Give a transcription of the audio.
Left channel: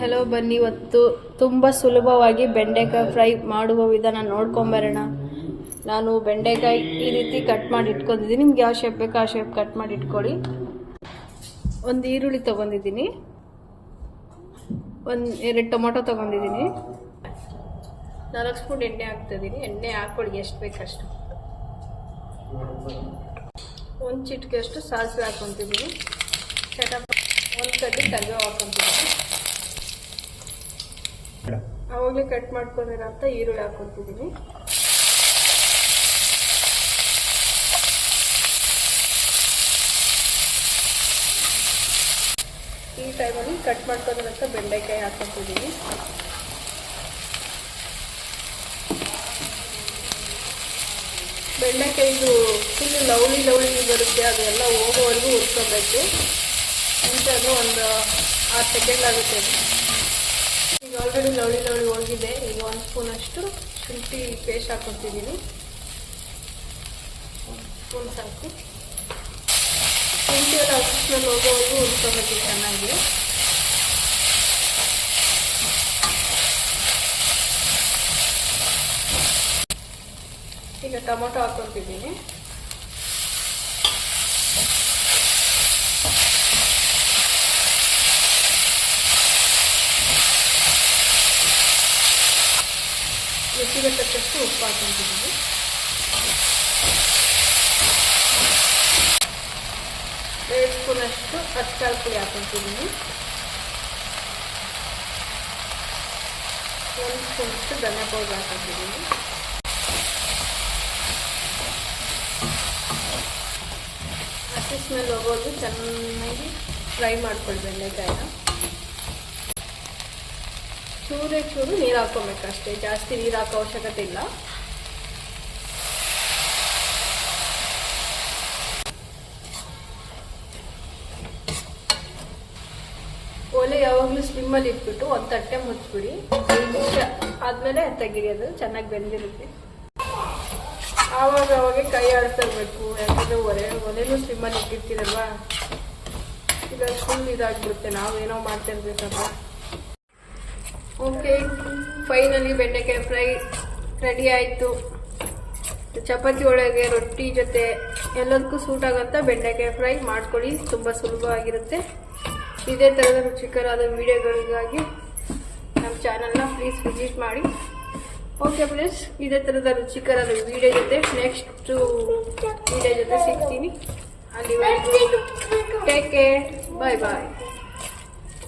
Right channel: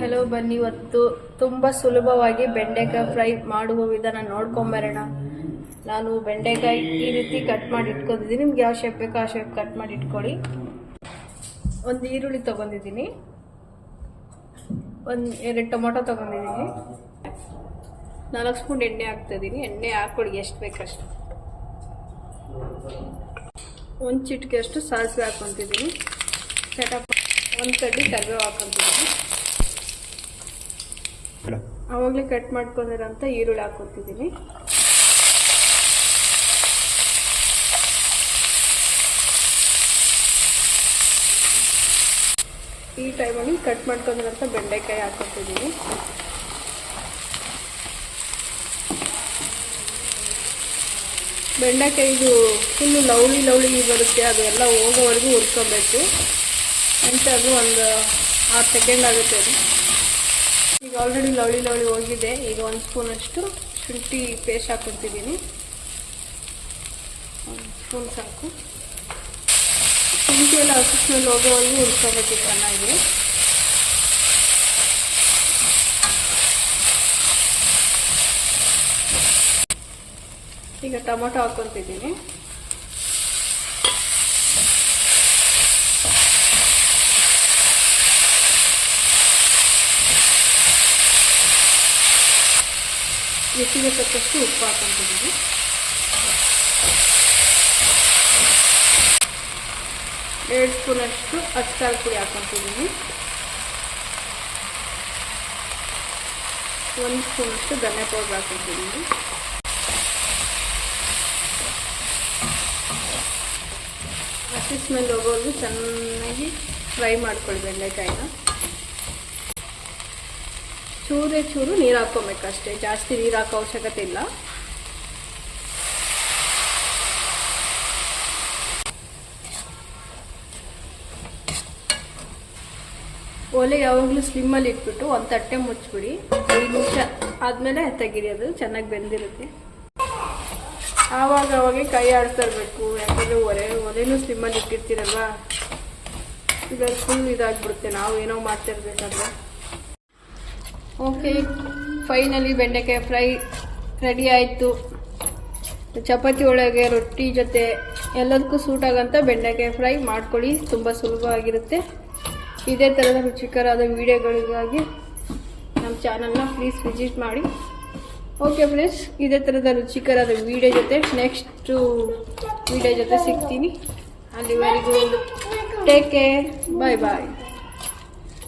Hello ಬನ್ನಿ. ಇವತ್ತು ತುಂಬ ಸುಲಭವಾಗಿ ಬೆಂಡೆಕಾಯಿ ಫ್ರೈ ಮಾಡುವ ವಿಧಾನ ನೋಡ್ಕೊಂಬರೋಣ ನಾನು ಬೆಂಡೆಕಾಯಿ ಈ ರೀತಿ ಕಟ್ ಮಾಡಿ ಇಟ್ಕೊಂಡಿದ್ದೀನಿ. ನಿಮ್ಗೆ ಯಾವ ಶೇಪ್ ಬೇಕೋ ಆ ಶೇಪ್ ಕಟ್ ಮಾಡಿ ಇಟ್ಕೊಳ್ಳಿ. ಒಂದು ಈರುಳ್ಳಿ ತೊಗೊಂಡಿದ್ದೀನಿ. ಒಂದು ಎರಡು ಟೊಮೊಟೊ ತೊಗೊಂಡಿದ್ದೀನಿ. ನಾಲ್ಕು ಸ್ಪೂನ್ ಎಣ್ಣೆ ಹಾಕ್ತಿದ್ದೀನಿ ಎಣ್ಣೆ ಹಾಕ್ಕೊಳ್ಳಿ ಎಷ್ಟು ಬೇಕಷ್ಟು. ಒಂದು ಚಿಟಿಕೆಷ್ಟು ಸಾಸಿವೆ ಹಾಕ್ಕೊತಿದ್ದೀನಿ ಚಟ ಒಂದು ಕಡ್ಡಿ ಕರಿಬೇವು ಹಾಕ್ಕೊತಿದ್ದೀನಿ ಅವಾಗಲೇ ಕಟ್ ಮಾಡ್ಕೊಂಡಿರೋಂಥ ಈರುಳ್ಳಿ ಹಾಕ್ಕೊತಿದ್ದೀನಿ ಈ ಟೈಮಲ್ಲಿ ಕಟ್ ಮಾಡ್ಕೊಂಡಿರೋಂಥ ಬೆಂಡೆಕಾಯಿ ಹಾಕ್ಕೊತಿದ್ದೀನಿ ಬೆಂಡೆಕಾಯಿದು ಫುಲ್ಲು ಲವ್ಲಿ ಲವ್ಲಿ ಬರುತ್ತೆ, ಅದೆಲ್ಲ ಹೋಗೋವರೆಗೂ ಉರ್ಕೋಬೇಕು ಇಂಥದ್ದು ಒಂದು ಆರು ಸೆಕೆಂಡ್ ಆಗುತ್ತೆ ಅದು. ಆಲ್ರೆಡಿ ಲವಳಿ ಲವಳಿ ಹೋಗಿದೆ. ಈಗ ಒಂದು ಸ್ಪೂನಷ್ಟು ಶುಂಠಿ ಪೇಸ್ಟ್ ಹಾಕ್ಕೊಡ್ತಿದ್ದೀನಿ. ಸ್ಪೂನ್ ಸಾಕು. ಶುಂಠಿ ಎಲ್ಲ ಹಸಿ ಸ್ಮೆಲ್ ಹೋಗೋವರೆಗೂ ಚೆನ್ನಾಗಿ ಈಗ ಟೊಮೊಟೊ ಹಾಕ್ಕೊತಿದ್ದೀನಿ ರುಚಿಗೆ ತಕ್ಕಷ್ಟು ಉಪ್ಪು ಹಾಕ್ಕೊತಿದ್ದೀನಿ ಎರಡು ಸ್ಪೂನಷ್ಟು ಅಚ್ಚಾರ ಪುಡಿ ಹಾಕ್ಕೊತಿದ್ದೀನಿ ಒಂದು ಸ್ಪೂನಷ್ಟು ಧನಿಯಾ ಪೌಡರ್ ಹಾಕ್ಕೊತಿದ್ದೀನಿ ಹಸಿ ಸ್ಮೆಲ್ ಹೋಗೋದು ಚೆನ್ನಾಗಿ ಫ್ರೈ ಮಾಡ್ಕೊಳ್ಳಿ ಬೆಂಡೆಕಾಯಿನ ಚೂರೇ ಚೂರು ನೀರು ಹಾಕೋಬೇಕಷ್ಟೇ ಜಾಸ್ತಿ ನೀರು ಹಾಕೋ ಅವಶ್ಯಕತೆ ಇಲ್ಲ. ಒಲೆ ಯಾವಾಗಲೂ ಸ್ಲಿಮ್ಮಲ್ಲಿ ಇಟ್ಬಿಟ್ಟು ಒಂದು ತಟ್ಟೆ ಮುಚ್ಚಿಬಿಡಿ. ಆದ್ಮೇಲೆ ನಿಮಿಷ ಆದಮೇಲೆ ತೆಗಿರಿ ಅದು ಚೆನ್ನಾಗಿ ಬೆಂದಿರುತ್ತೆ. ಆವಾಗ ಅವಾಗ ಕೈ ಆಡ್ತಾ ಇರಬೇಕು. ಯಾಕಂದ್ರೆ ಒಲೆ, ಒಲೆನೂ ಸ್ಲಿಮ್ಮಲ್ಲಿ ಇಟ್ಟಿರ್ತೀರಲ್ವ? ಈಗ ಫುಲ್ ಇದಾಗ್ಬಿಡುತ್ತೆ. ನಾವು ಏನೋ ಮಾಡ್ತಾ ಓಕೆ ಫೈನಲಿ ಬೆಂಡೆಕಾಯಿ ಫ್ರೈ ರೆಡಿ ಆಯಿತು. ಚಪಾತಿ ಒಳಗೆ ರೊಟ್ಟಿ ಜೊತೆ ಎಲ್ಲದಕ್ಕೂ ಸೂಟ್ ಆಗೋಂಥ ಬೆಂಡೆಕಾಯಿ ಫ್ರೈ ಮಾಡ್ಕೊಳ್ಳಿ, ತುಂಬ ಸುಲಭವಾಗಿರುತ್ತೆ ಇದೇ ಥರದ ರುಚಿಕರಾದ ವಿಡಿಯೋಗಳಿಗಾಗಿ ನಮ್ಮ ಚಾನಲ್ನ ಪ್ಲೀಸ್ ವಿಸಿಟ್ ಮಾಡಿ. ಓಕೆ ಫ್ರೆಂಡ್ಸ್ ಇದೇ ಥರದ ರುಚಿಕರಾದ ವಿಡಿಯೋ ಜೊತೆ ನೆಕ್ಸ್ಟು ವಿಡಿಯೋ ಜೊತೆ ಸಿಗ್ತೀನಿ. ಅಲ್ಲಿವರೆಗೂ ಟೇಕ್ ಕೇರ್ ಬಾಯ್ ಬಾಯ್